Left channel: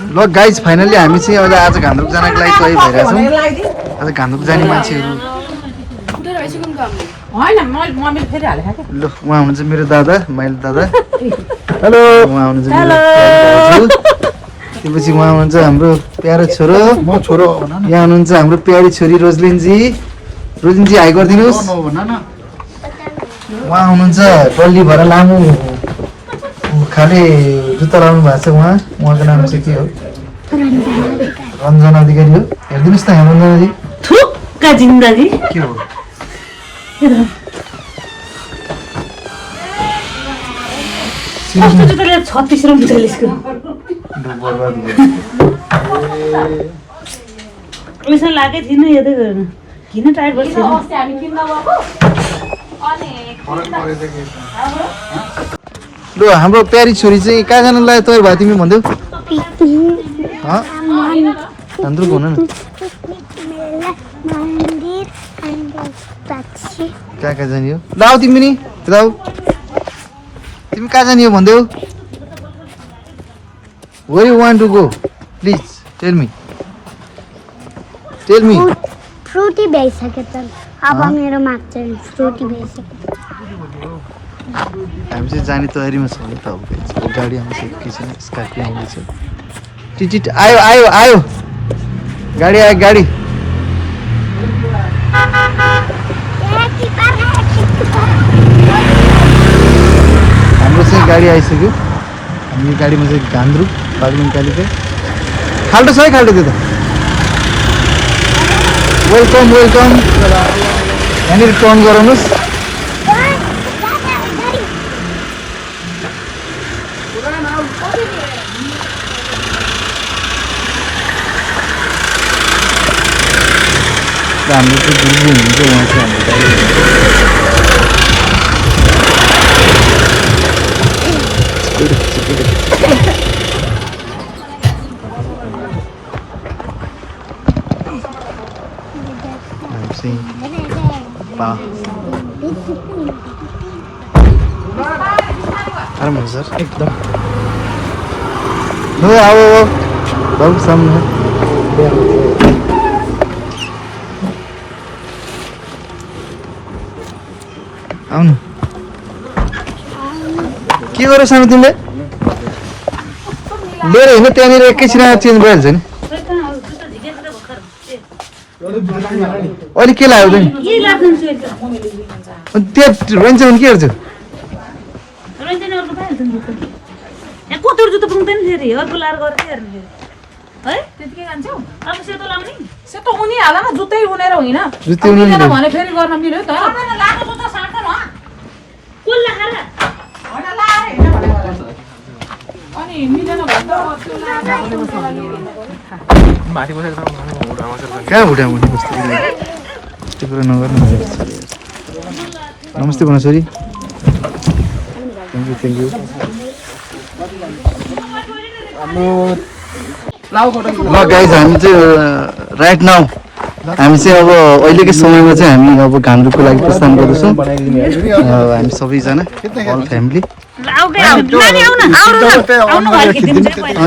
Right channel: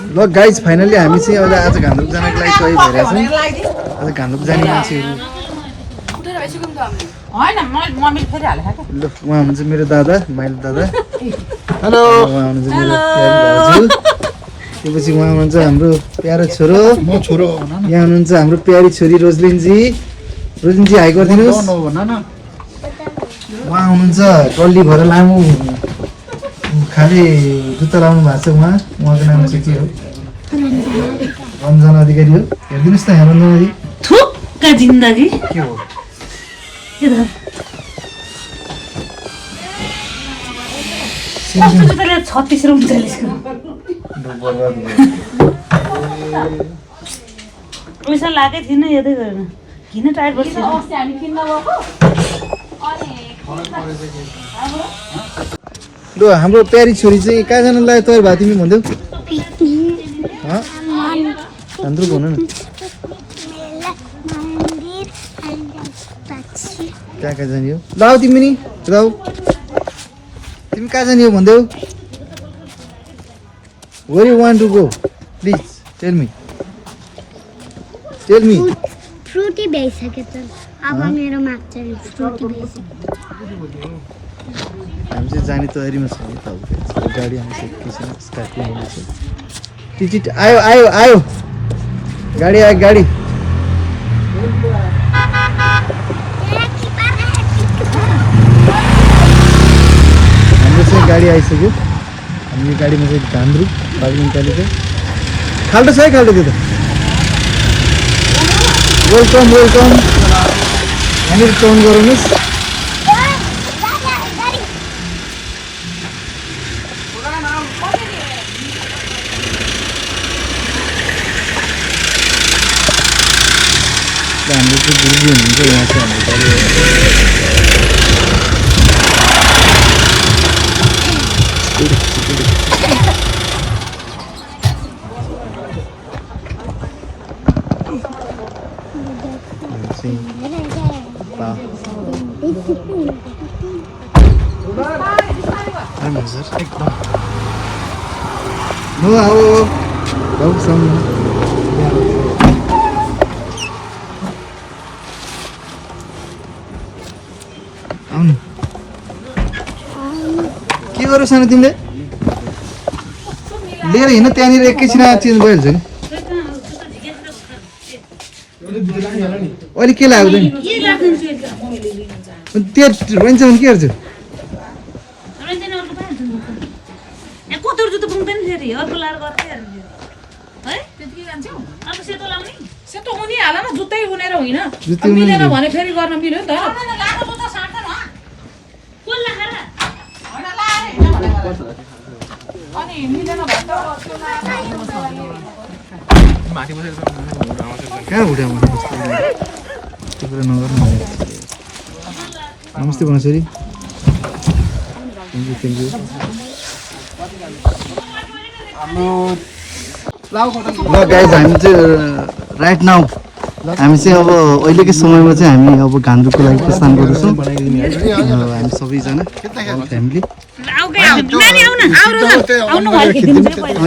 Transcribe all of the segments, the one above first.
ल guys finally हामी चाहिँ अहिले आज घान्द्रुक जानको लागि तयारी भइरहेछौँ। आज घान्द्रुक जाने मान्छेहरू ल उहाँ हुनुहुन्छ मेरो दादा माइल दादा। हेलो उहाँ हुनुहुन्छ मेरो त्यसपछि उहाँ हुनुहुन्छ हाम्रो प्यारो छोरो म छोरो यहाँ हुनुहुन्छ हाम्रो प्यारी छोरी रोजलिनजी। रोजलिनजी हाई गरिदिनुहोस्। उहाँ हुनुहुन्छ पल्ली भएर लामो खाले जुत्ता लाउनु भएको छ उहाँको नाम चाहिँ के हो रञ्जना अधिकारी हो। हेरिदिनुहोस् न रञ्जनाजी थुक्का जिन्दगी के हो कस्तो जुत्ता ल्याएर 36 र 39 को पैसा लागेको थिएन यतै गर्न किन टाइट बस्छ ल हाम्रो प्यारी छोरी चाहिँ कहाँ जानु लाग्यो तयार भयो तिमी भन्देऊ घान्द्रुक हुनु नि कहाँ कहाँ जाने हो ल आऊ तिमी नि जाऊ तिमी कहाँ जाने हो भन्देऊ where you want to go please tell me Frooti भइसक्यो त अब मेरो माग्छ फ्रुटी भइसक्यो हामी चाहिँ जाने तयारीमा छौँ त अब गाडी आउँछ के छैन स्कर्पियो आउँदैछ टिचिट आयो आयो आयो गाडी आयो गाडी हाम्रो चाहिँ गाडी आइसक्यो हामी गाडीमा चाहिँ घान्द्रुक बागलुङ कालीको खाल्टो छ है खाल्टो त्यो त वेलकम वेलकम यहाँनिर टर्न गराउनुहोस् हाम्रो चाहिँ गुरुजी हुनुहुन्छ यहाँ चाहिँ आराम हुन्छ सर एकदम हो आओ बाबु सामने आउनु के गर्यो सानो तिमीले लिएर हिँड्नु त्यहाँनिर एकैछिन चेन्ज भइहाल्छ नि अहिले के लाग्यो नि त्यहाँ रहन्छ भने के गर्छु कत्रो जुत्ता पुग्दैन फेरि अर्को लाएर गरेर हेर्नु है त्यतिकै जान्छौ अब सेतो लाउने सेतो उनी हाल न जुत्तै उनेर होइन जुत्तै उनेर भने फेरि गर्न मिल्यो त लाको जुत्ता साट्दैन हो कुल लाएर हडा लाएर हैन भने अनि मिलेन भने माथि बसेर कहाँ भुटामा बस्छु त्यो कुरा नगर्नु नमस्ते भन छोरी थ्याङ्क यू ल गाइज हामी चाहिँ राइट नाउ हामी चाहिँ अब अहिलेकै समयमा चाहिँ हामी अब घान्द्रुकको लागि प्रस्थान गर्दैछौँ हामी सबैजना अल फ्यामिली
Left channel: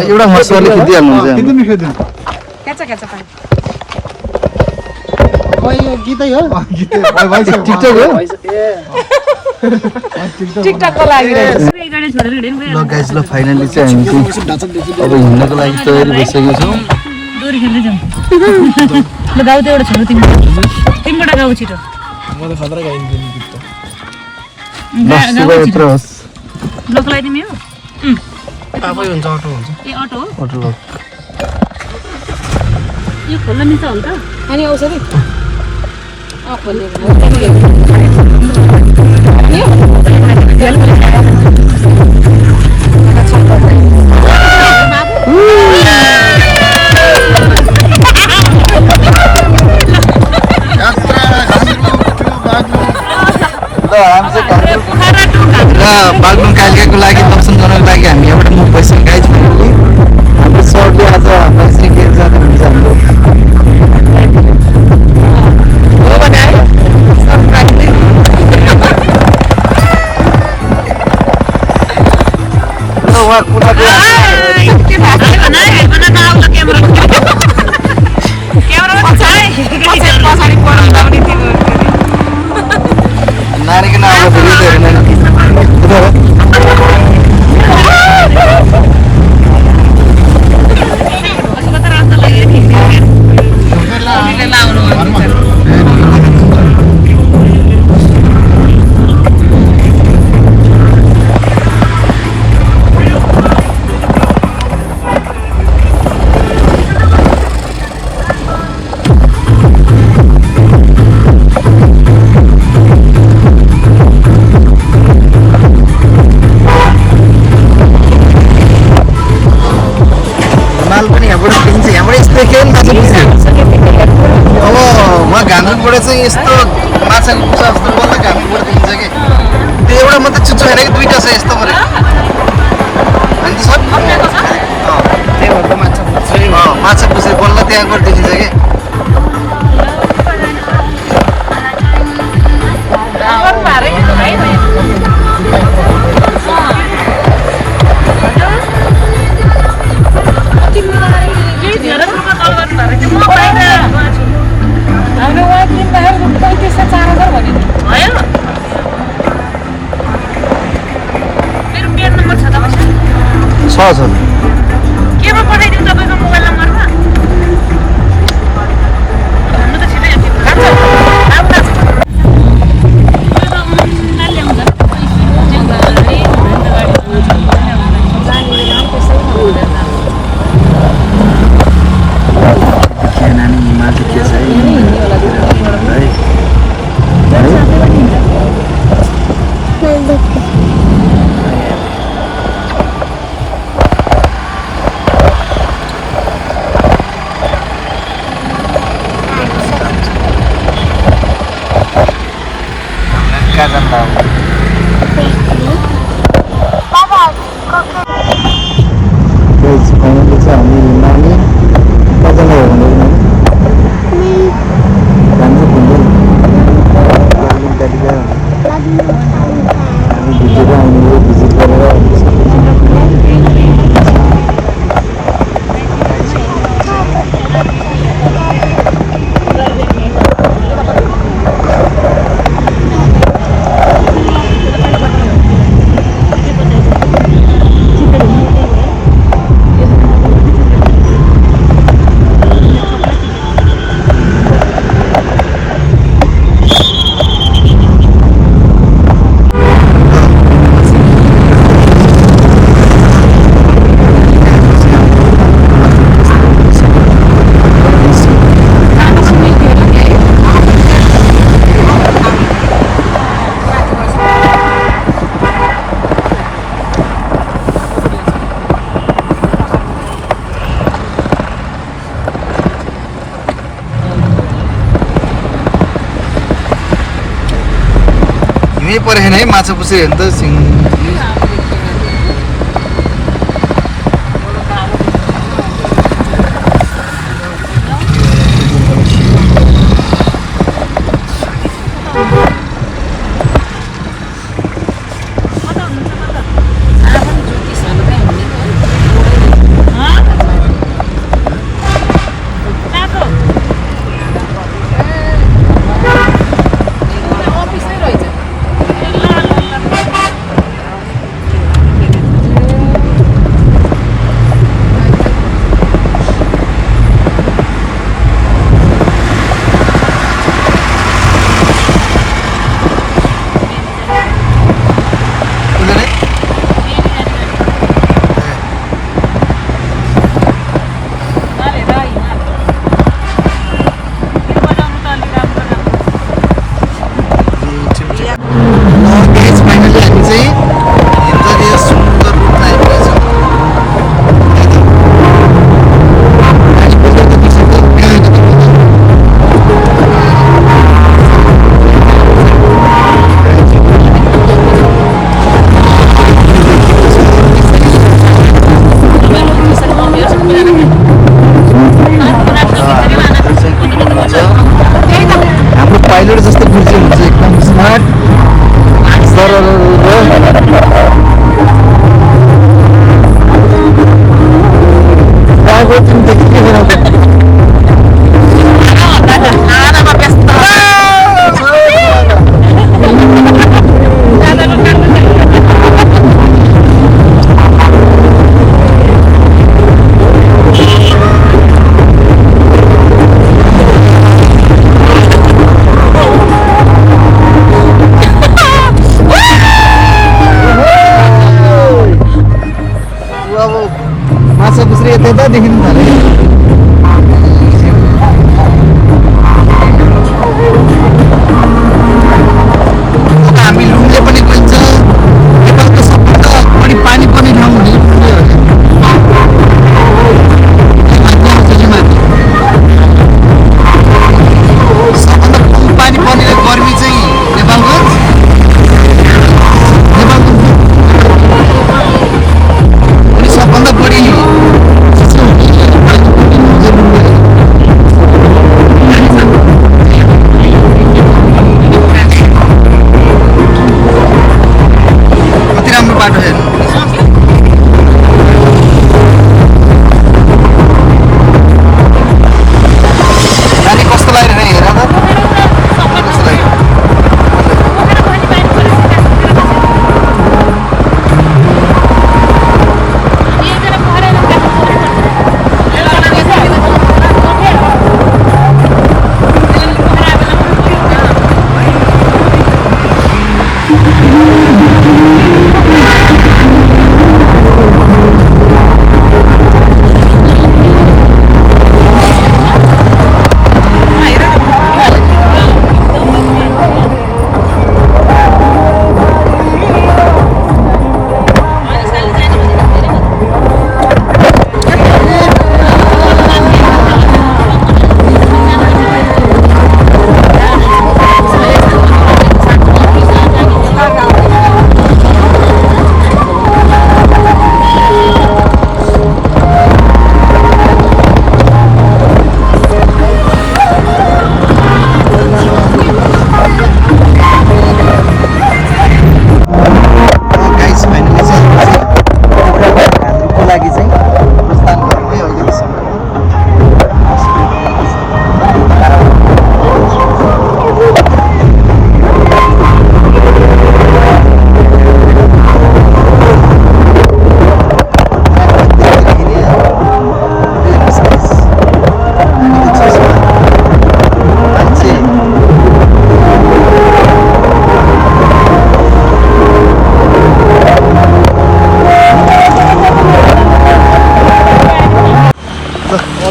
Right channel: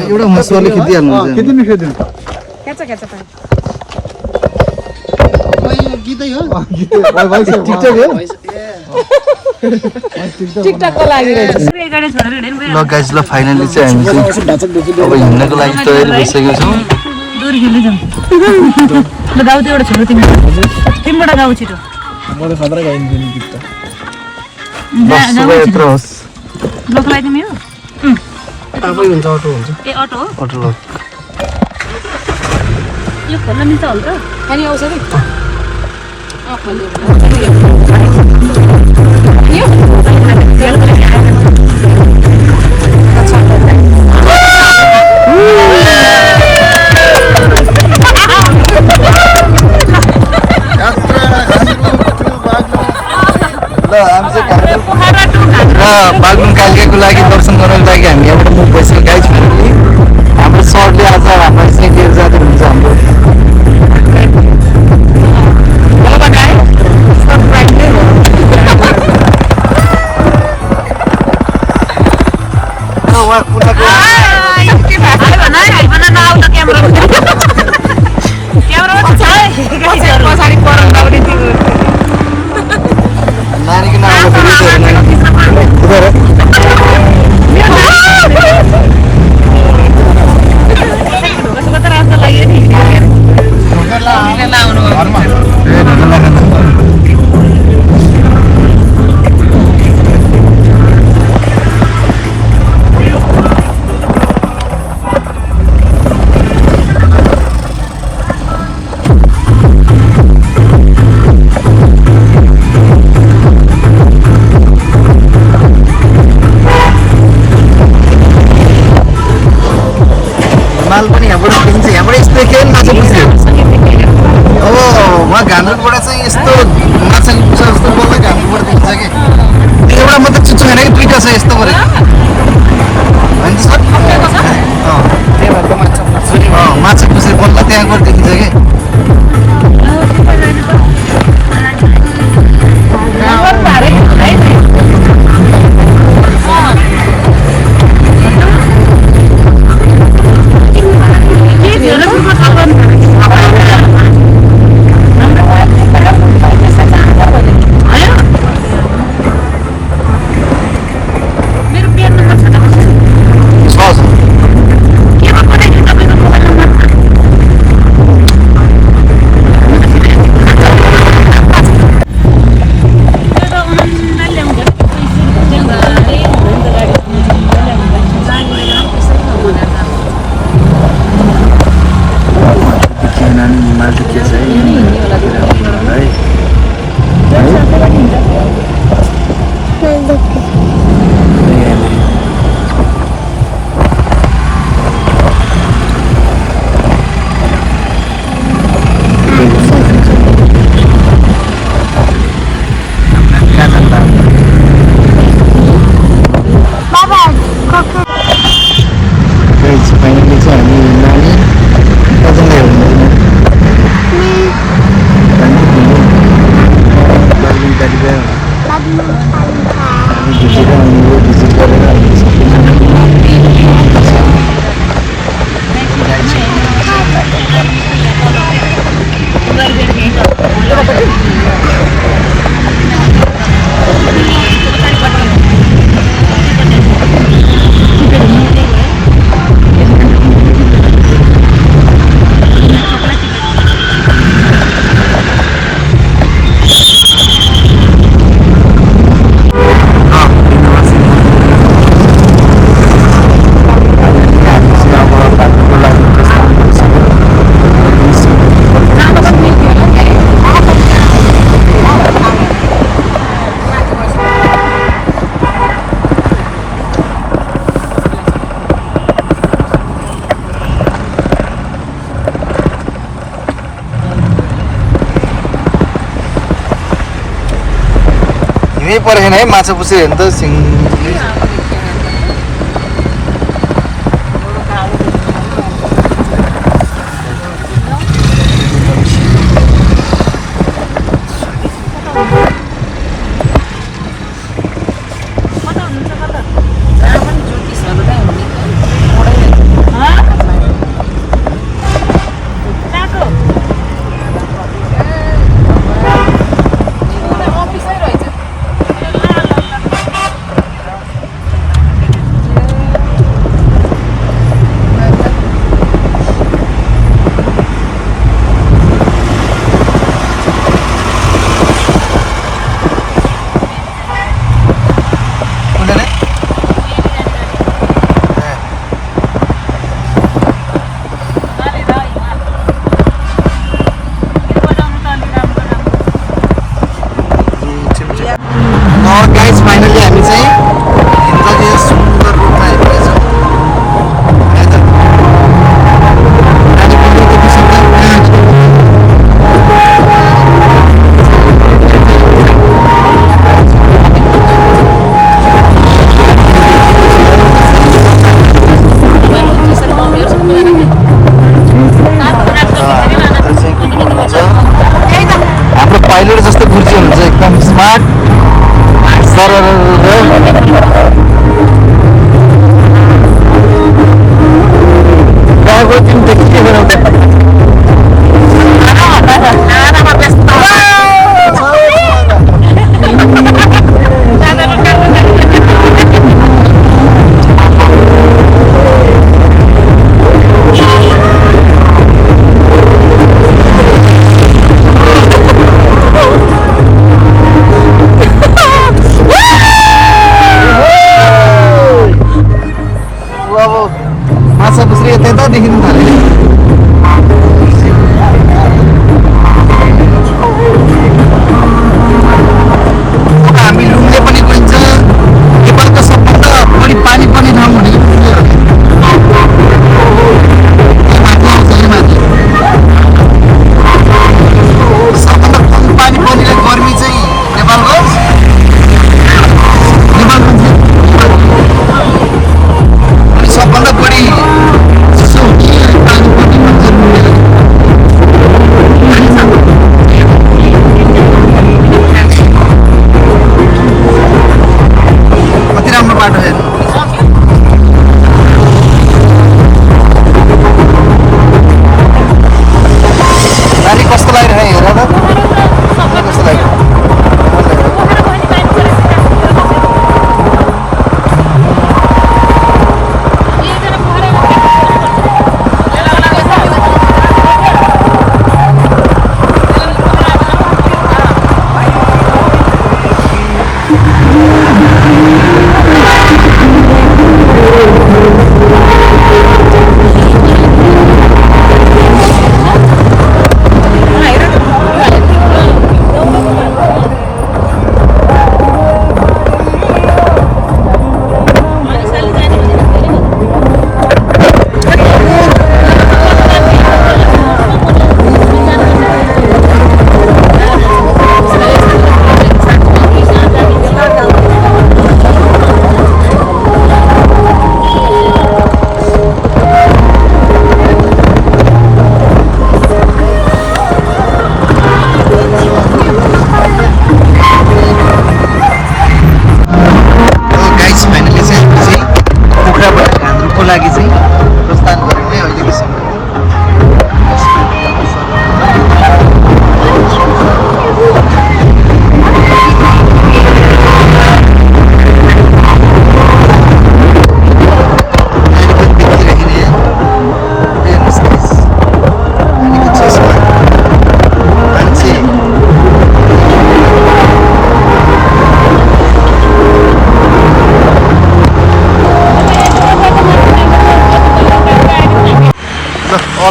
एउटा मसुवाले खिचिहाल्नुहुन्छ गीतै हो टिकटक हो ल गाइज ल फाइनली चाहिँ हामी हिँड्नको लागि तयार भइसकेको छौँ डोरी खेल्दै जाउँ ल गाउँ त एउटा छोरो तिमीबाट गाउँ छिटो म त खतरा गाइदिन्छु नि गीत त लोक लगाइदिनु मेरो आफै हुन्छ अटो हुन्छ ए अटो हो अटो यो खोल्नु मिल्छ हुन्छ अनि आउँछ नि बागलुङ कालिकाको लागि दर्शन गर्नको लागि हामी यहाँबाट मुख पैसा गाइज हाम्रो सरले आज हाम्रो चाहिँ लिएर जाँदै हुन्छ देखेँ माछा पुछ्रे अब उहाँ घान्द्रुकबाट चाहिँ यस्तो माछाको पुछा जस्तो डल्लै घान्द्रुकबाट देखिन्छ कि त्यो एउटा मात्रै चुच्चो छैन कि दुईवटा छ यस्तो गरेको माछा पुछ्रे बल्ल त्यहाँबाट देखिन्छ कि फाइनली चाहिँ हामी नानी मजाले हामी भिजेर आउने हो भिजिट गरेर हामी सबैजना हिँडै परेन है माछा पुछ्रे हेर्नु त सिङ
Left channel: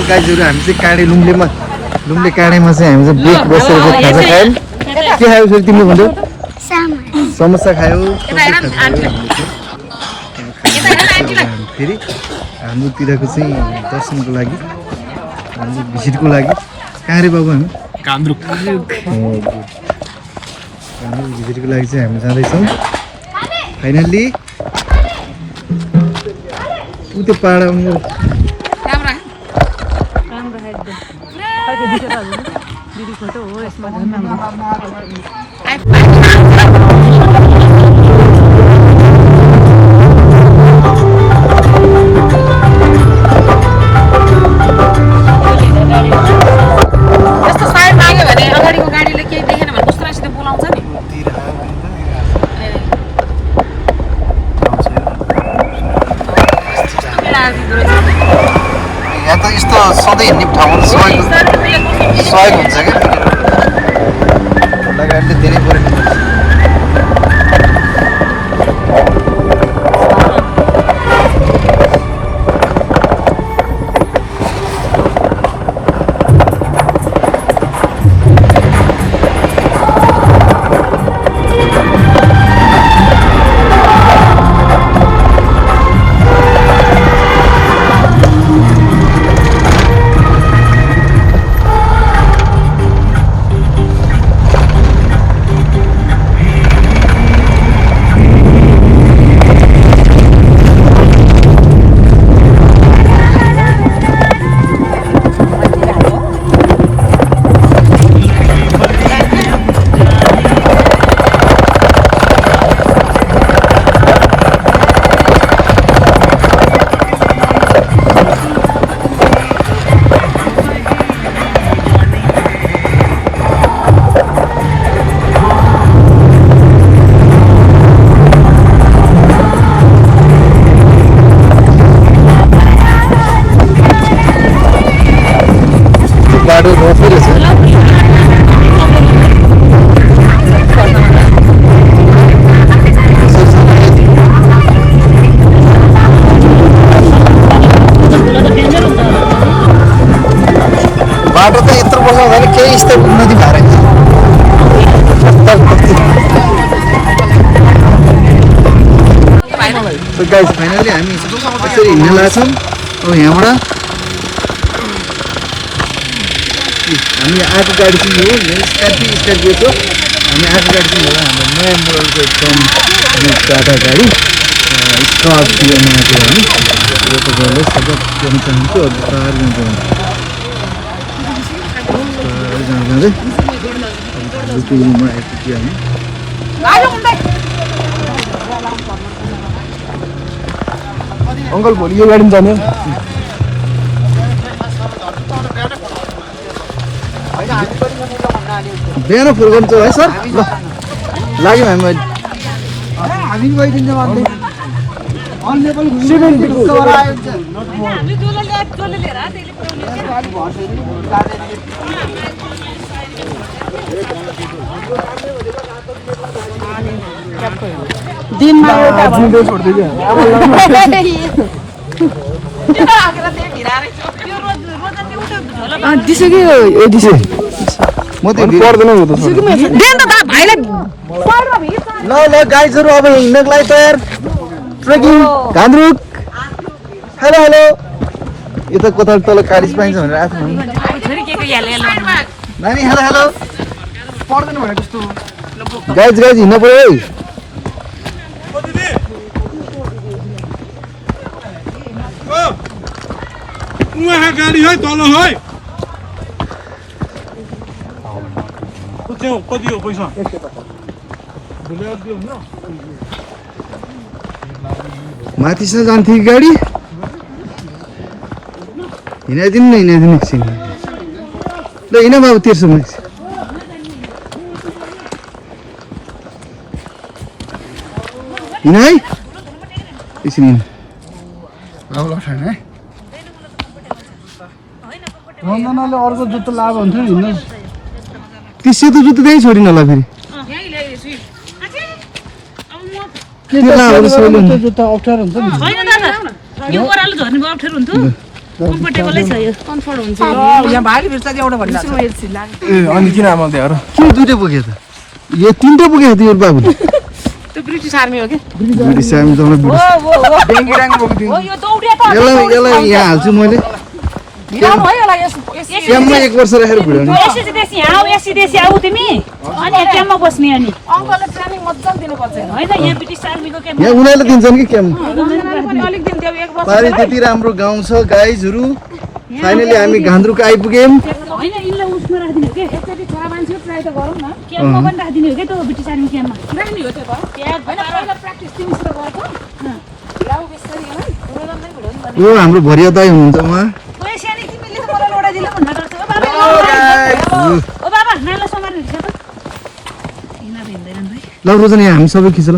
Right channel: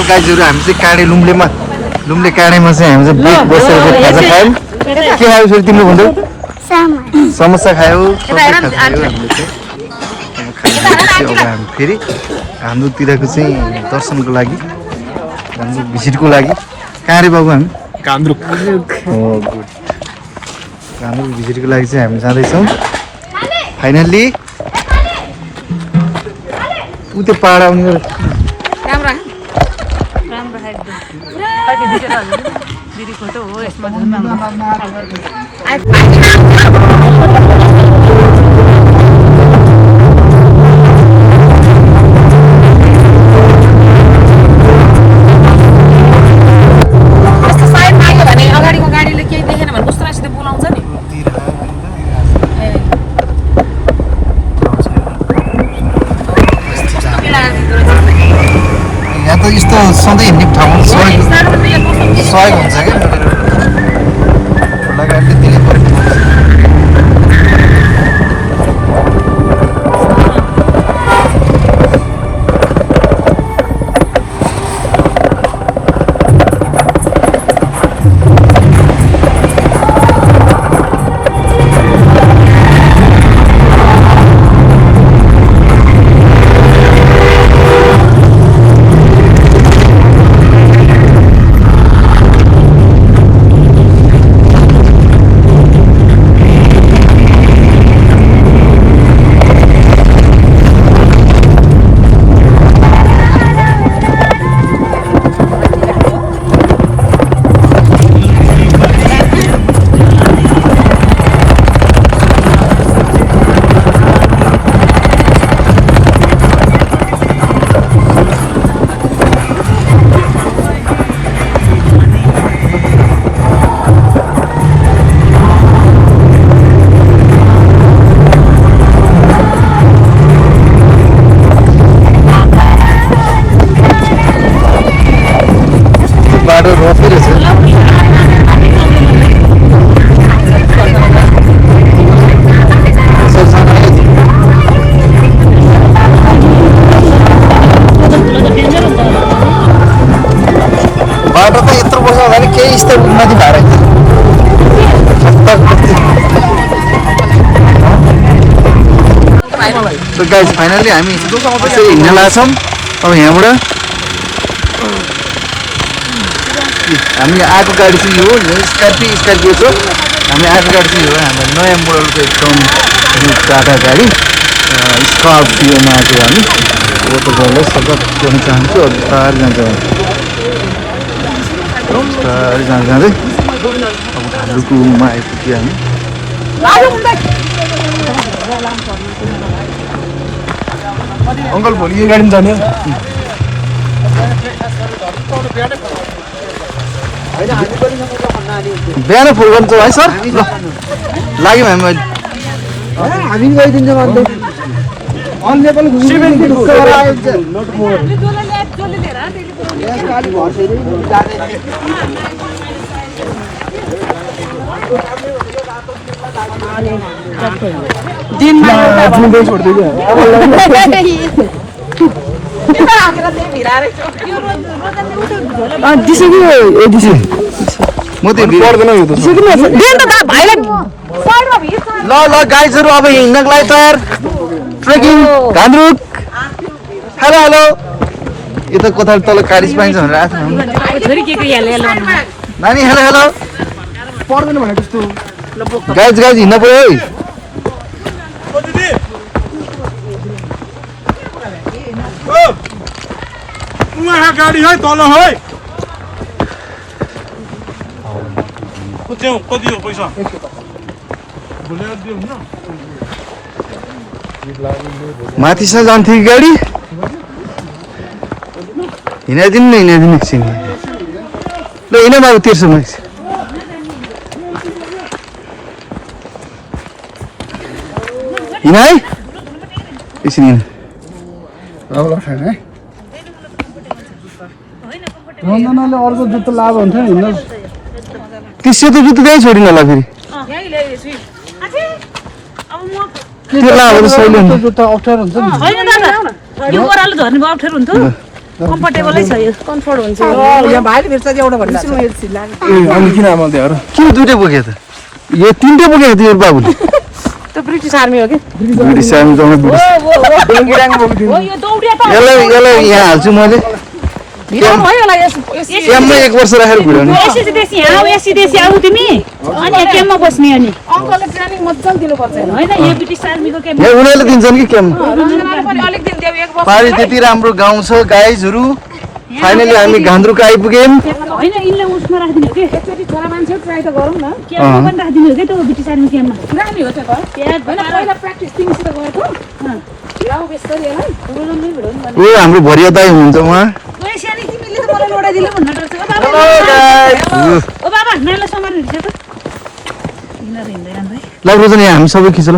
गाइजहरु हामी चाहिँ काँडे लुम्ले काँडेमा चाहिँ हामी चाहिँ बसेर खाजा खायौँ के खायौ फेरि तिमीले भन्दै समोसा खायौ अब हामी फेरि हाम्रोतिरको चाहिँ दर्शनको लागि हाम्रो भिजिटको लागि कहाँ रे बाबु हामी गान्द्रुक हाम्रो भिजिटको लागि चाहिँ हामी जाँदैछौँ फाइनल्ली ऊ त्यो पाहाड आउने गरेर यस्तो सधैँ हिँड्ने ठाउँमा सहयोग हुन्छ क्या गाडीले धेरै परेको बाटो रोपी रहेछ बाटो त यत्रो वर्ष हुँदैन केही स्तरको नदी भएर फाइनली हामी हिँड्न लाग्छौँ अब यहाँबाट हामी आएको गाडी चाहिँ यो स्कर्पियो छ हामी आएको गाडी चाहिँ हो हाम्रो नयाँ मोडलको एकदम टाटा गाडी स्कर्पियोमा चाहिँ हामी तपाईँहरूलाई स्वागत गर्न चाहन्छु बिस्तारै जाँदै अब ढालुकोमा आइपुग्यो हामी अङ्कल भोलि यो गाडीमा जाने बिहान फुल गर्छौँ है सर लाग्यौँ हामी हामी गइदिन्छौँ अन्त अल नेपाल ल गाइजहरु अब हिँड्नको लागि तयार ट्रेकिङ गान्द्रुक हेलो हेलो यो त कता तल कारिस पाइन्छ भनेर आएको नानी हेलो हेलो पर्दैन भने त्यस्तो गाइज हिँड्न पर्यो है उहाँ गाडी है तल है कति हो पैसा माथिसम्म जान्थ्यो कि गाडी हिँडाइदिनु न हिँडाइदिनु एकछिन ल हिँड बाबु तिर्सम्म हिँड है एकछिन हिँड छैन है रञ्जनाले अर्को जुत्तो लाभ हुन्छ हिँड्न ती सेतो जुत्तो त्यहीँ छोडिन होला फेरि त्यो लाभ सहिले हुन्छ जुत्तो अप्ठ्यारो हुन्छ नि होइन दादा यो ओह्रालो झर्ने भयो अप्ठ्यारो हुन्छ कम्फर्टेबलै छ यो कम्फर्ट हुन्छ यहाँ भाइले भेट्छ कि एउटा भन्दा अनि किन आमा त्यहाँ र के दुइटै बोक्यो त यो तिनटै बोकेको थियो बाबुले त्यो ब्रिटिस आर्मी हो कि ब्रिटिस आर्मी जाउँ ब्रिटिस डेङ्गी डाङ बोकिदिनु हो यो दौडिया त यसलाई यहाँ हाल्छु मैले भिडाउनु है होला यस क्याम्पमा 1 वर्ष राखेर भिडाउने एससी देशी आऊ एससी देशी आऊ तिमी अनि क्याम्पमा बस्ने अनि अङ्कलले ट्रेनिङ मजाले दिनुपर्छ होइन यहाँ ब्रिटिस आर्मीको क्याम्प यहाँ उनीहरूले दिन्छन् कि क्याम्प पनि अलिक दिन देऊ 1 वर्ष पारी त्यति राम्रो गाउँ छ गाइजहरू फाइनली हामी घान्द्रुक आइपुग्यौँ होइन यिनले उसमा राखिदिनु हो कि एकचोटि छोरा मान्छे ट्राई त गरौँ न क्याम्पमा पनि राखिदिनु हो कि त्यो ब्रिटिस आर्मी क्याम्पमा पुरानी हो त्यो त त्यहाँ होइन पहिला प्र्याक्टिस तिमीसित गएको भिडाउँ बेसरी होला ओ हाम्रो भरिया दाइ हुनुहुन्छ उहाँ ओए सानी तिमीले त मलाई लडाइदिनु भन्न डर्छ ओ बाबा नाइला सँगार हिँड्छ त यिनीहरू हिँड्दैनन् भाइ ल रोजन यहाँ हामी सबै खिच ल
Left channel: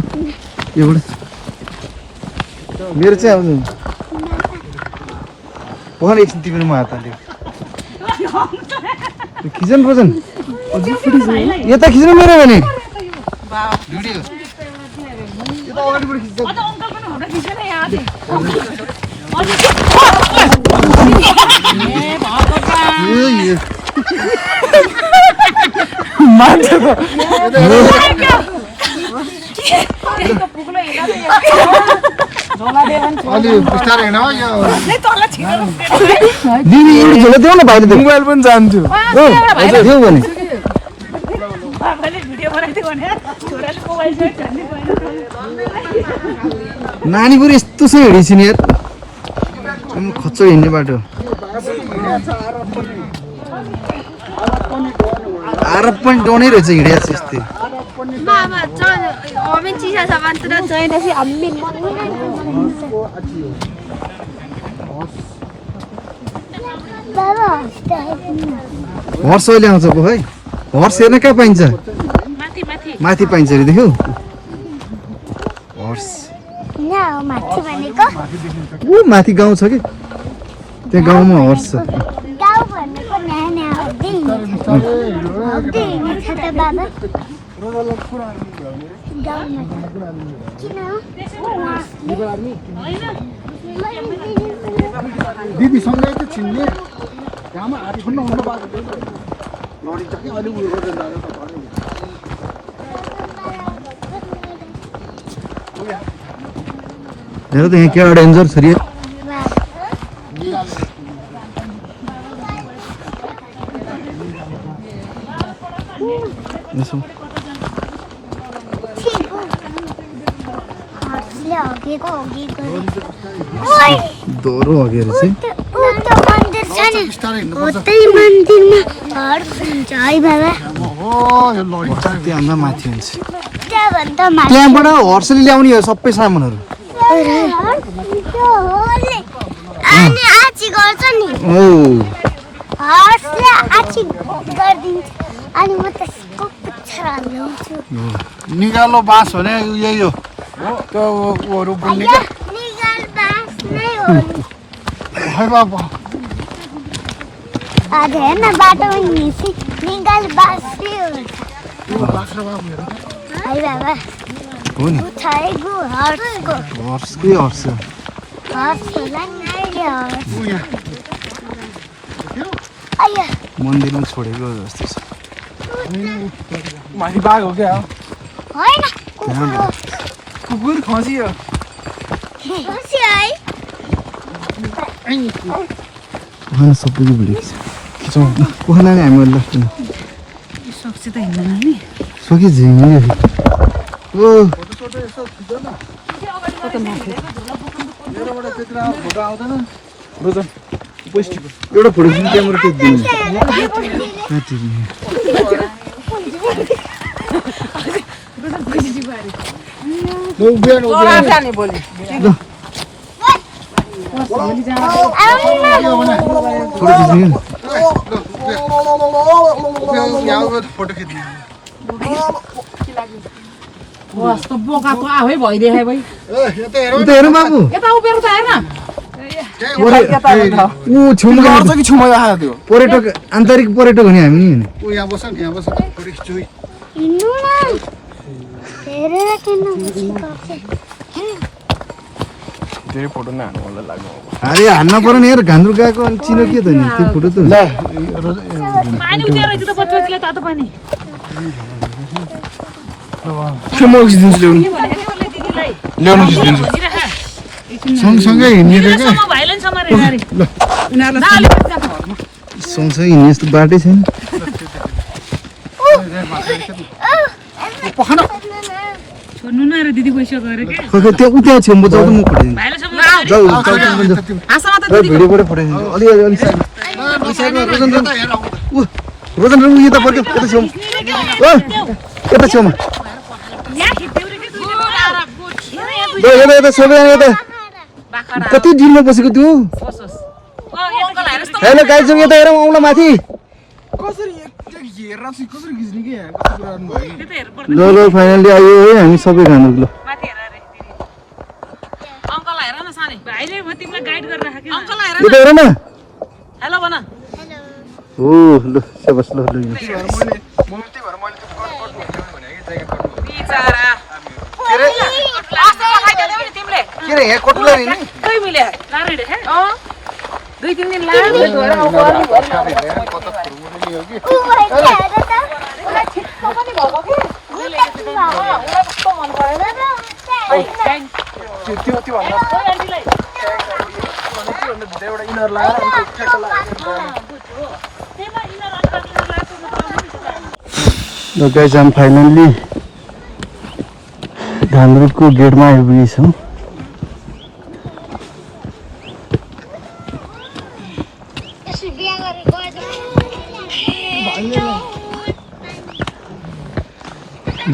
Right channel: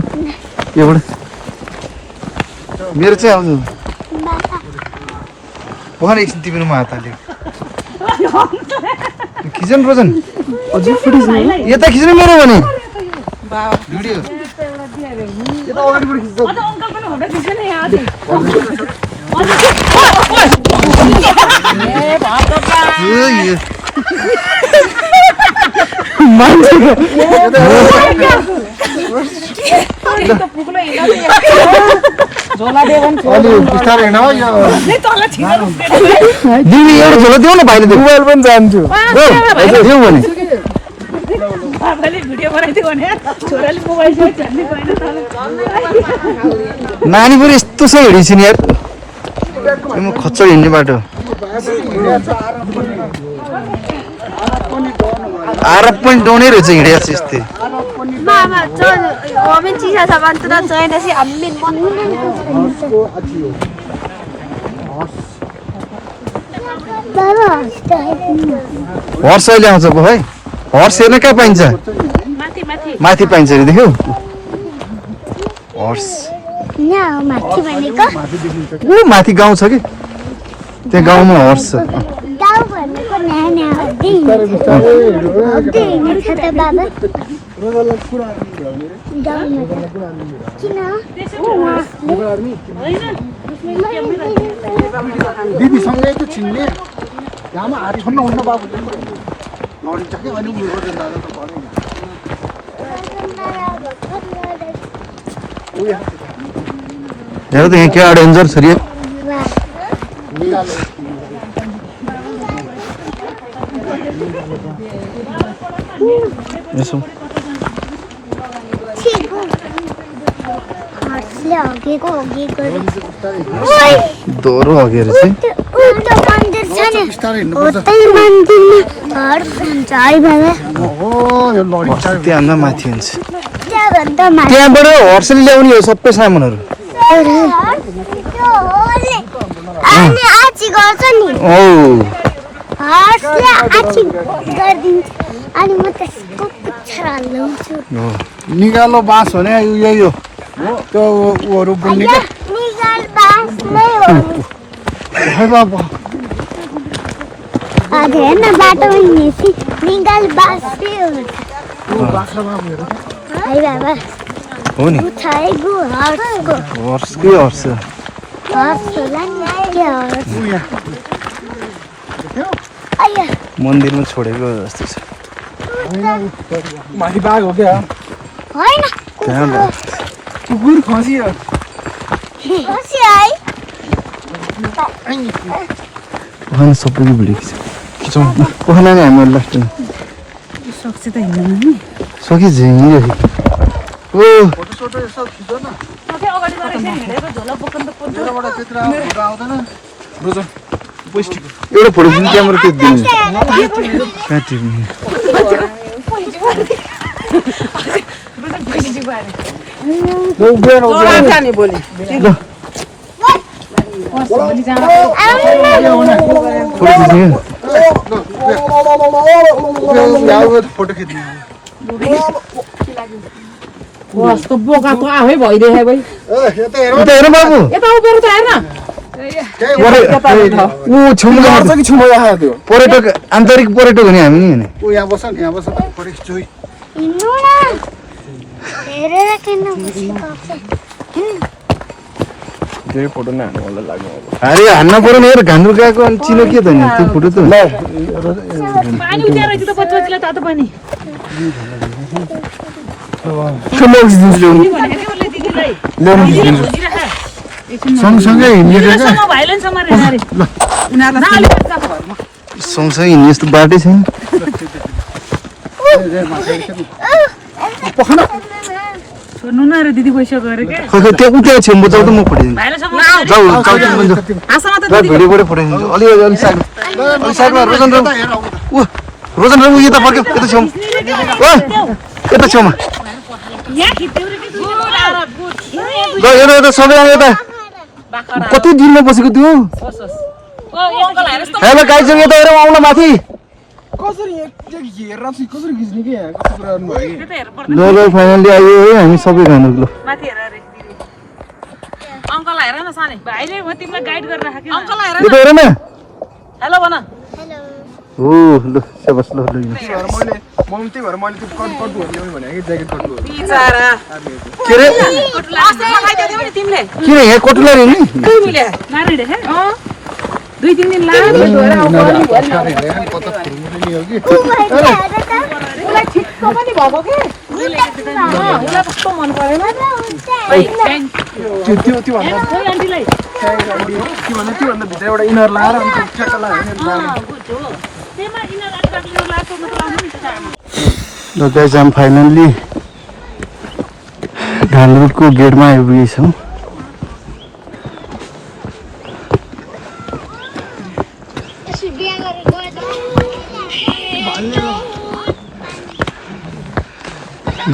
योबाट मेरो चाहिँ आउँदैन उहाँ एकछिन तिमीले म हात हाल्यो खिच्नु रोजन यता खिच्नु मेरो भने भिडियो यता अगाडिबाट खिच्छ अझ अङ्कल पनि फोटो खिच्छ नि यहाँ अझै अलि बिस्तारै हिँड यो दिदी एउटा झोला देऊ न भाइले मोबाइल पनि जान्छु देऊ भने बाबाले भिडियो बनाइदियो भने छोराले मोबाइल चाहिँ झन्डै गएन नानी पनि यस्तो छ हिँडिन्छ नि यार म खच्चड हिँड्ने बाटो आरब पनि डोनै रहेछ हिँडेको छ यस्तै मामा हामी चिसा छ भन्छ त चाहिएपछि हामी बाबा हर्स अहिले आउँछ पो है हर्स हेर्न कहाँ पाइन्छ माथि माथि माथि पाइन्छ अरे देख्यौ हर्स यहाँ माथि भनेको ऊ माथि गाउँ छ कि त्यहाँ गाउँमा हर्स छ गाउँ भनेको नानी हड्दै हिँड्छ त बाबा दिदीसँगै त छिन्ने घाममा हात छोड्नु हुन्न बाबु लडिन्छ कि अलि उयो गर्दैन हेर त यहाँ क्या डेन्जर छ रे यसो दोहोरो हगेर चाहिँ बिस्तारै हिँड्नुपर्छ हो यो लडिन्छ त्यहाँभन्दा माथि हुन्छ त्यहाँभन्दा त्यहाँबाट हर्सले ल्याउने हो सबै सामानहरू अनि आची गर्छ नि औ हर्सले आची गरिदिन्छ अनि म त्यसको पिक्चर हाल्छु हो निगालो बाँस भने यही हो त्यो उहरू बुन्ने के निगाल बाँस नै हो बाबा आज हेर्न बाटोमा हिँडेपछि निगाल बाँसै हो बाख्रा बाबु हेर है बाबा हो नि उठाइ गु हर्सको हर्सकै हर्स हर्स होला नि के हर्स आया मन्दिरमा छोडेको जस्तो छ माथि बाघ हो क्या होइन त्यहाँबाट कुकुर खसियो खुसी है ओखान सबैको भिडियो खिचौँ ओखान नि हामीहरू लाग्छ सक्छ त हिँड्नु नि सकि झिङ्गिरहेको ओ अगाडि गएर यसरी हिँडेको झोला बोक्नु त एउटा फोटो खिच्नु क्यामेरा त्यो दिनु कहाँ तिर्ने जाने बोली फोटो खिच्ने फोटो खिच्ने कस्तो बोकाको आफै भइदिए भाइ यता हेर उता हेर बाबु यता उभिएर त हेर्न ऊ छेउमा गर्छ कि छुमा आयो त्यो पर्यटक आन्तरिक पर्यटक हो नि हामी नि ऊ यहाँ बस यहाँ बस फोटो खिच्छु हेरेर किन धेरै फोटो नहाल्नु होला लाग्नु अब अरे हान्न पर्यो नि यार घान्द्रो गएको अनि चिनो के त नि त्यो फोटो त पानी उज्यालो रहेछ त बच्चाले तातो पानी म उसिदिन्छु ल्याउनु ल्याउनु उसिदिन्छु सँगसँगै हिँडेको क्या सम भाइलेन समारे अरे सँगसँगै हिँड्ने यस्तो बाटै छैन छोड्नु न अरे दिदी पैसा गरे के खै त्यहाँ उठ्या छेउ जाउ त म पठाइदिन्छु भाइले सम जाउ भिडियोबाटै पठाइदिन्छु अलि साइडमा रोजन राम यता फर्क्यो यता छेउमा यता छेउमा यहाँ खिच्देउ रे के ल यता सबै यता कति दिनमा बसेको त्यो होइन गाइजु यता हेरौँ आउन माथि कसरी एकचोटि हेरेर चाहिँ कसरी खिच्ने के यहाँ कस्तो कुरा गर्नुभयो कि ल फाइनली आयो है हामी सबै खानु ल माथि हेर रे अंकल हेर न सानी भाइले म तिमीलाई गाइड गरेर राखे अंकल हेर यता हेर न हेलो भन हो ल सेबस ल ल त्यही भएर मैले त्यही भएर मैले त्यो कट ल्याउने भने कि ज्याकेट कट बिचारा के रे लास्ट लगाइदिए थियो नि तिमीले किन यहाँ कटुला रे नि दुई मिले नानी रे हे 2-3 दिन लाग्यो उसलाई छिट्टो पनि भएको के उसलाई कस्तो मन परेन त्यो भन्दा भित्र एउटा इनर लगाएर ल गाइज हामी फाइनल्ली घान्द्रुकको गेटमा आइपुगेछौँ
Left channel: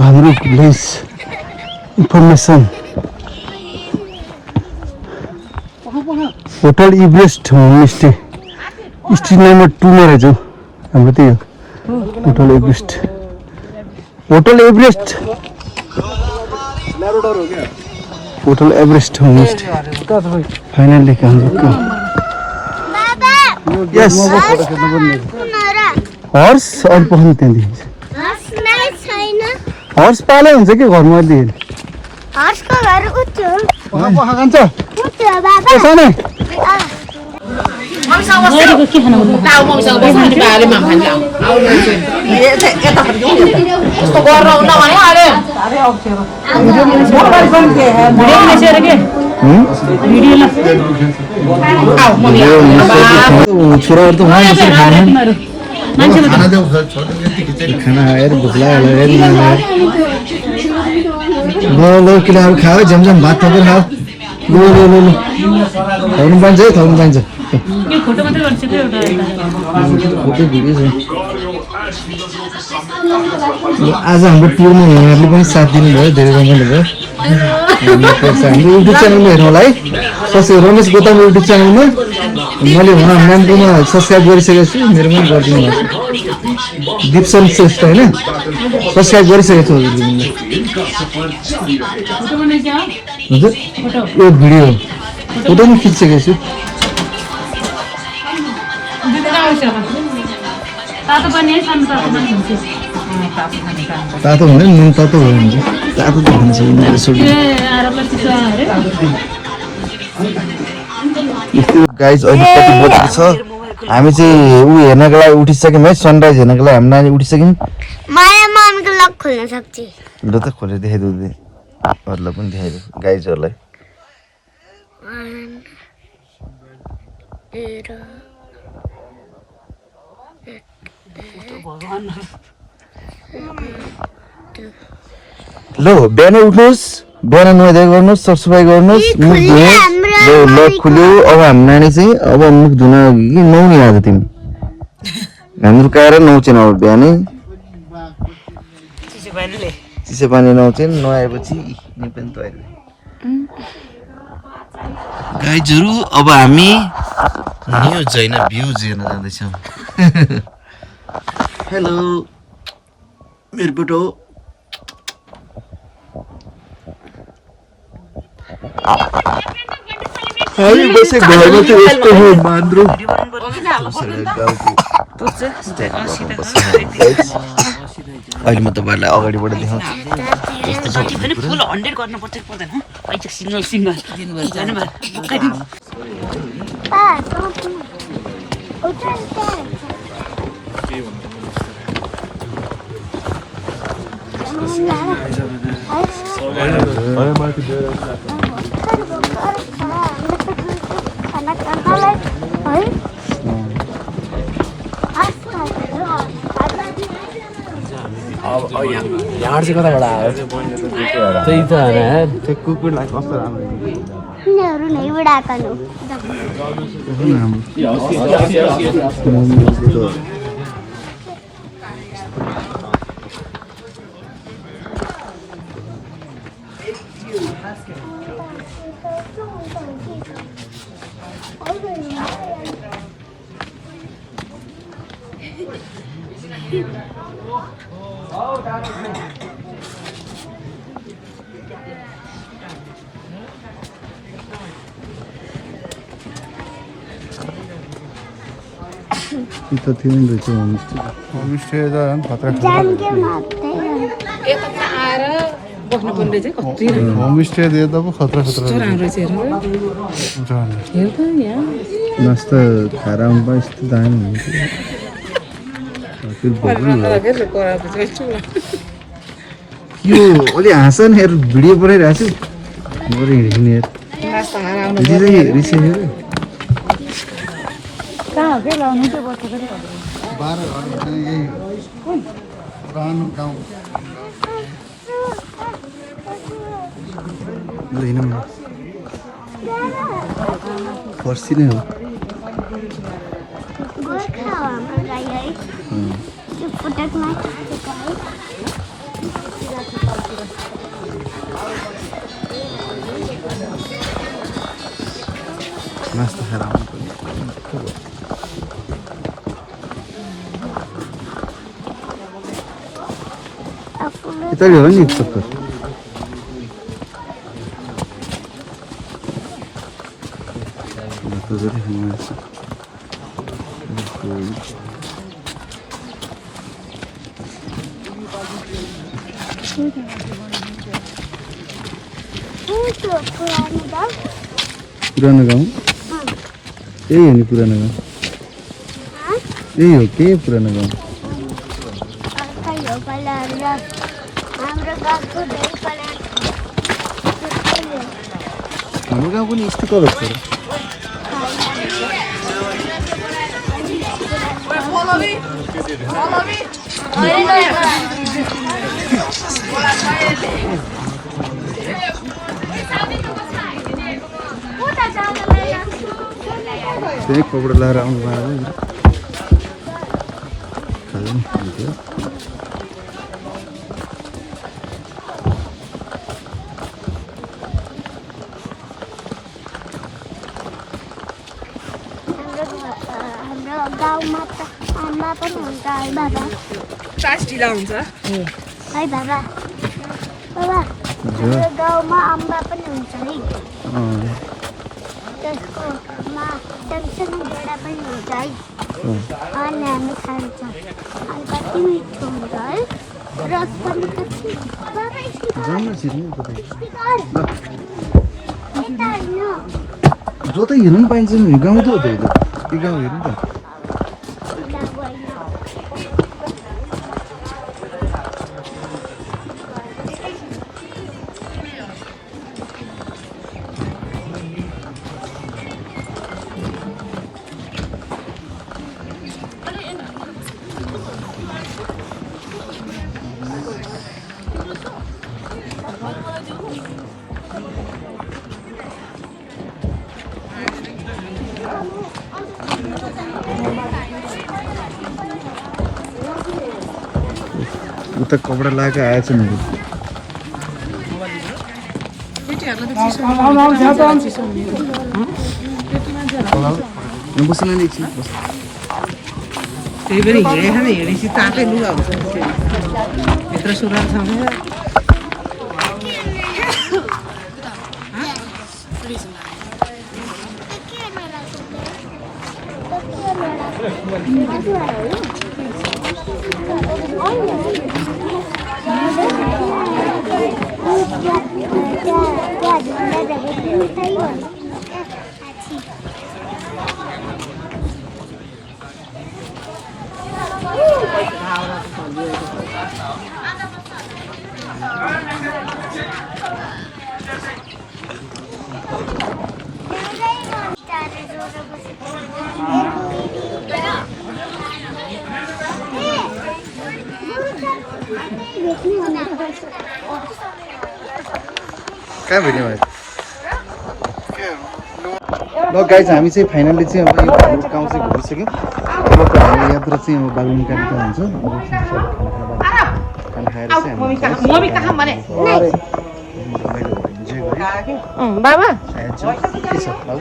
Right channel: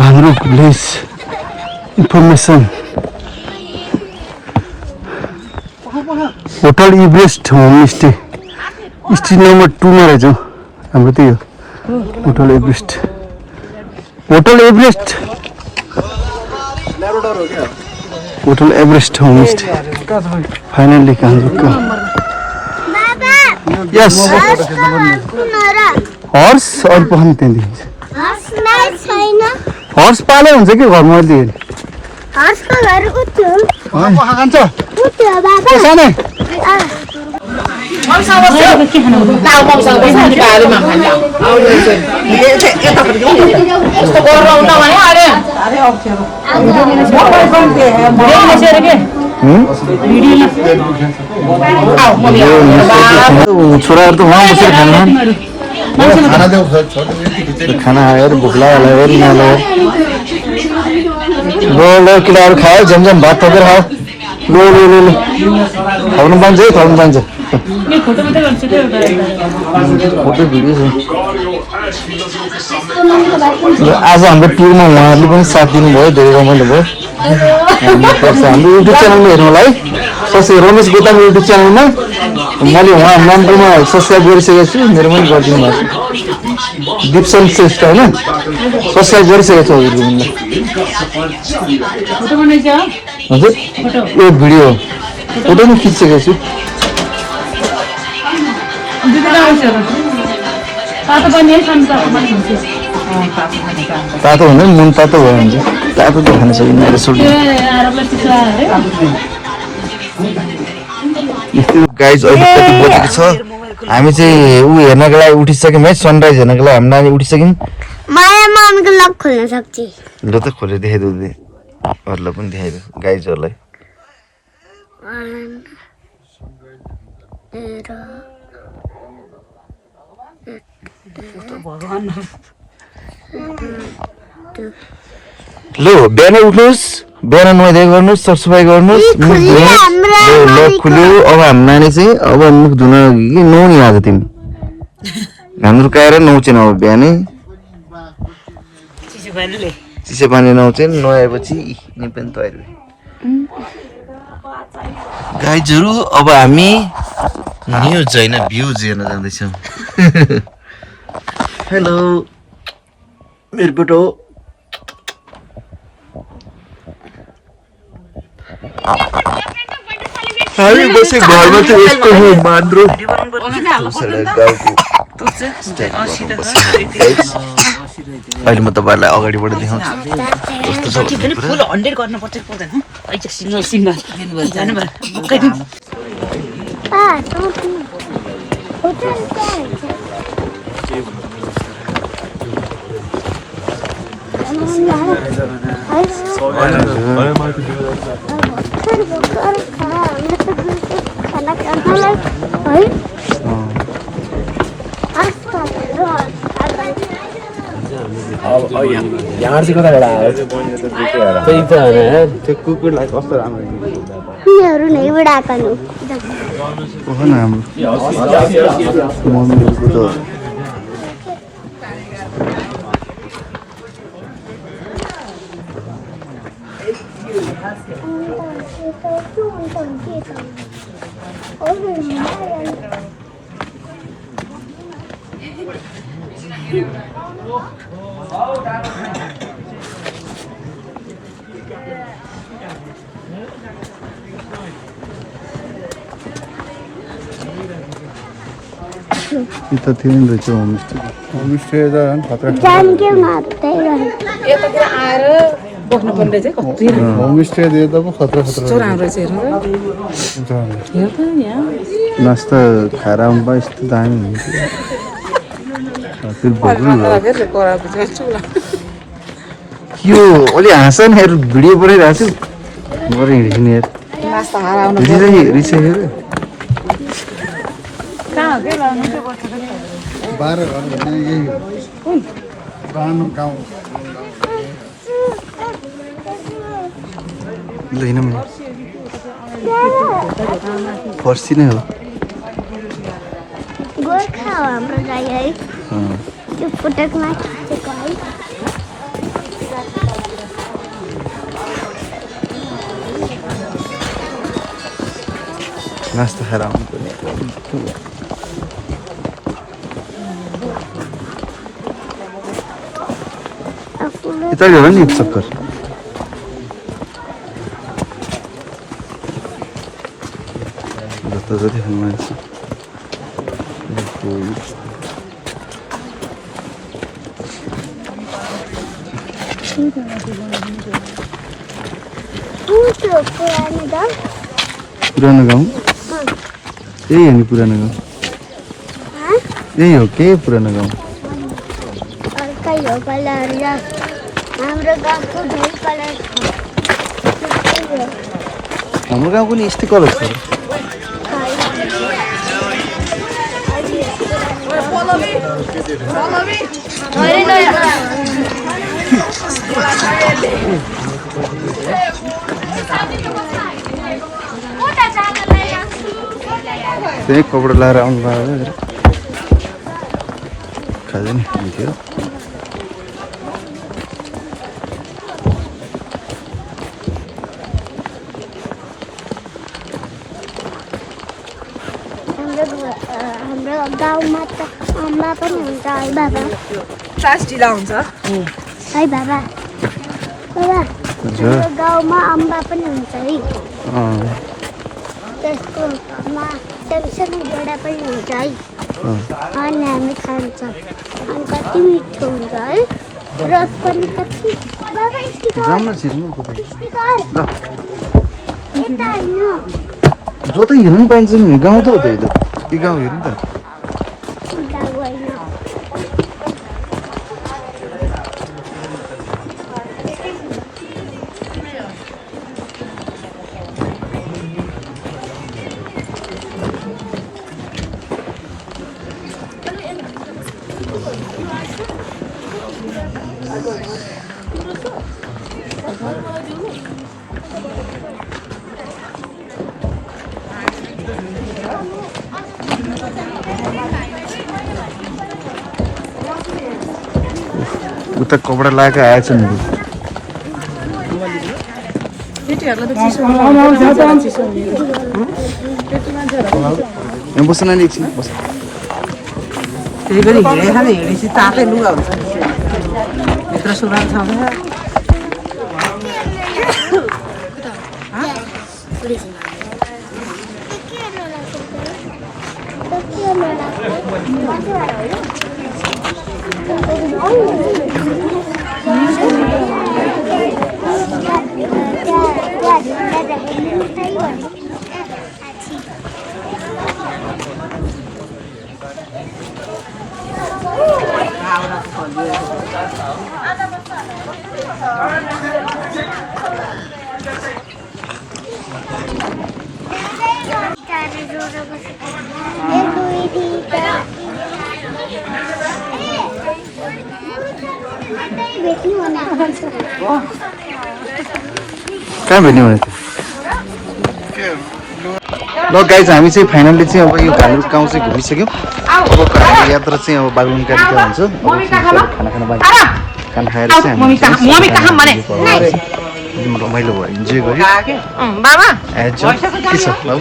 Ghandruk village information hotel Everest homestay street number 2 मा रहेछ हाम्रो त्यही हो hotel Everest hotel Everest homestay finally यस हर्स अर्को पनि त्यहाँदेखि हर्स पाले हुन्छ कि घरमा अहिले हर्सको घर उठ्यो बाबा छोराहरू त खाना यार भोक लाग्यो यार यहाँलाई ल केटाहरू खायो झ्यामझ्याम भात थपेर खायो ल खुवाउनु पाइन्छ है खुवाउनु पाइन्छ आज हाम्रो टुरमा उहाँहरूले पनि साथ दिनुभयो धेरै रमाइलो भयो हाम्रो युट्युब च्यानलमा हेर्नुलाई रमेश गोताम युट्युब च्यानलमा मैले उहाँ म्यामकोमा सब्सक्राइब गरिसकेको छु मेरो पनि गरिदिनु भएको छ दिप्सन श्रेष्ठ होइन सब्सक्राइब गरिसकेको छु हजुर यो भिडियो फोटो पनि खिचिसकेको छु तातो हुँदैन मन तातो भयो भने चाहिँ तातो त खान सकिँदैन गाइज अहिले कति बजेको छ हामी चाहिँ ऊ हेर्नको लागि उठिसक्यौँ है सनराइज हेर्नको लागि हामी नानी उठिसक्यौँ माया मामको लक खोल्न सक्छ ल त खोलेर देखाइदेऊ अरूलाई पनि देखाइदेऊ गाइजहरूलाई ल बिहान उठ्नुहोस् बिहान नुहाइ गर्नुहोस् सरसफाइ गर्नुहोस् अब हाम्रो नानी चाहिँ अब मुख धुन नुहाउनु आएको तिमी हाम्रो कारण नुहाउँछन् अब बिहानै चिसो पानी नुहाउँछन् नुहाएपछि पनि तयारी गाइजहरू अब हामी न्युज होइन भ्युज हेर्न जाँदैछौँ हेलो मेरो बेटो हामी बसे घरमा चाहिँ यस्तो हो मान्द्रो अहिले म तपाईँहरूलाई अगाडिबाट देखाउँछु पनि फुल 100 गर्नुपर्छ पर्दैन अहिले सिंगल सिंगल जानु भयो यहाँ चाहिँ कताबाट आयो त्यही त होइन त्यो कुकुरलाई कस्तो राम्रो यिनीहरू नैबाट आएका नु हो न हाम्रो मम्मीहरूको त त्यो थियो नि रहेछ होमस्टे त खतरा जान के मात्रै यतातिर आएर बस्नु पर्ने चाहिँ कति होमस्टे दिए त पो खतरा राम्रो छ नास्ता खाएर आउनु भयो यस्तो दामी हुन्थ्यो फेरि भोग्नु यो अलि हाँस न हेर भिडियो बनाइरहेको छु गएर हिँड्ने रिसाइयो 12 घर यही पुरानो गाउँ ल हिँड मैले फर्सी नै हो गोर्खा हो हाम्रो गाई है त्यो पुटकमा खसेको है नास्ता खाएर आउनु पर्ने यता हो नि चक्कर जता जति खानु मन छ पुरानो गाउँ यही हो नि पुरानो गाउँ यही हो के पुरानो गाउँ हाम्रो गाउँ पनि यस्तै कलर छ त्यही कपडा लगाएर आउनु भयो अब खाँदैन हुन्थ्यो हाम्रो गाउँमा त अम्बा पनि हुन्छ है बाबा ट्रास ढिला हुन्छ है बाबा बाबा हाम्रो गाउँमा अम्बा पनि हुन्छ है त्यसको सानो गेडा पनि हुन्छ है अनि हामी खान्छ अनि कति मिठो हुन्छ है रस पनि कति बाबा जो त हेर्नु पाइन्छ नि गाउँ त हो त यो त के गाउँ हेर्नु त उता कपडा लगाएर आएछ नि बस्न नि एकछिन बस त्यही पनि हिँडेपछि तातै लुगा हुन्छ भित्र सुरुवात छ कहाँ भेट्ने भनेको ल गाइज हामी चाहिँ फाइनल्ली चाहिँ अब यो घालुट गाउँ चाहिँ घुमिसक्यौँ अबको हाम्रो यात्रा चाहिँ अब बागलुङकारी क्या हुन्छ अब खाना खाना बाहिर खाना खाएर चाहिँ हामी रमाइलो भयो इन्जोय गर्यो एज के छ बाबु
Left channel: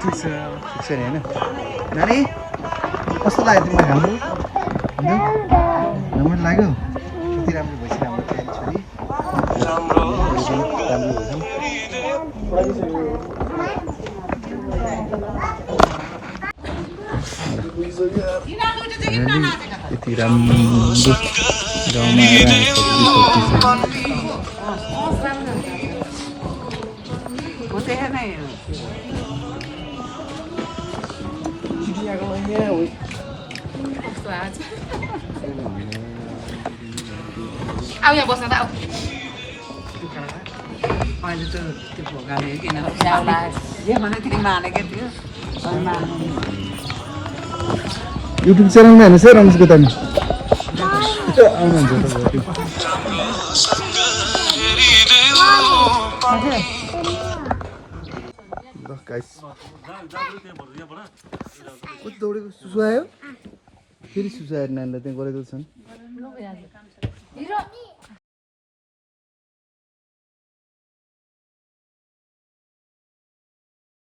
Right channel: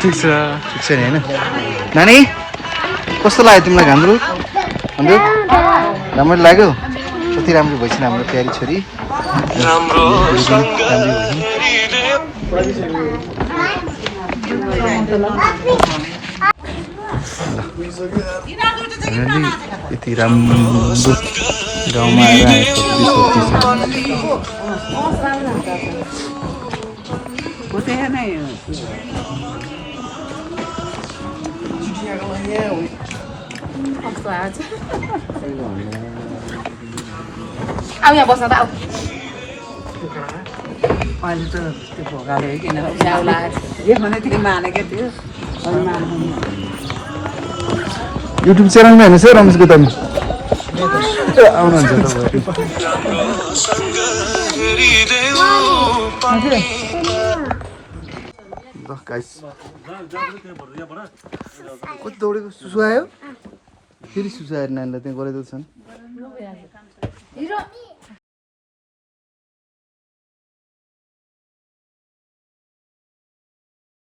ठिक छ नि होइन नानी कस्तो लाग्यो तिमीलाई हाम्रो राम्रो लाग्यो कति राम्रो भइसक्यो हाम्रो प्यारी छोरी यति राम्रो गाउँमा आएर आऊ यहाँ बस्न त आऊ अहिले त त्यो भोगाले किन ल्याउला यो भने तिमी मानेको थियो युट्युब च्यानलमा हेर्नुहोस् है रमेश गोतानी आउनुहुन्छ कति दौडेको सुसु आयो फेरि सुसु आएर नानीलाई त्यहाँ गराइदिएको छन्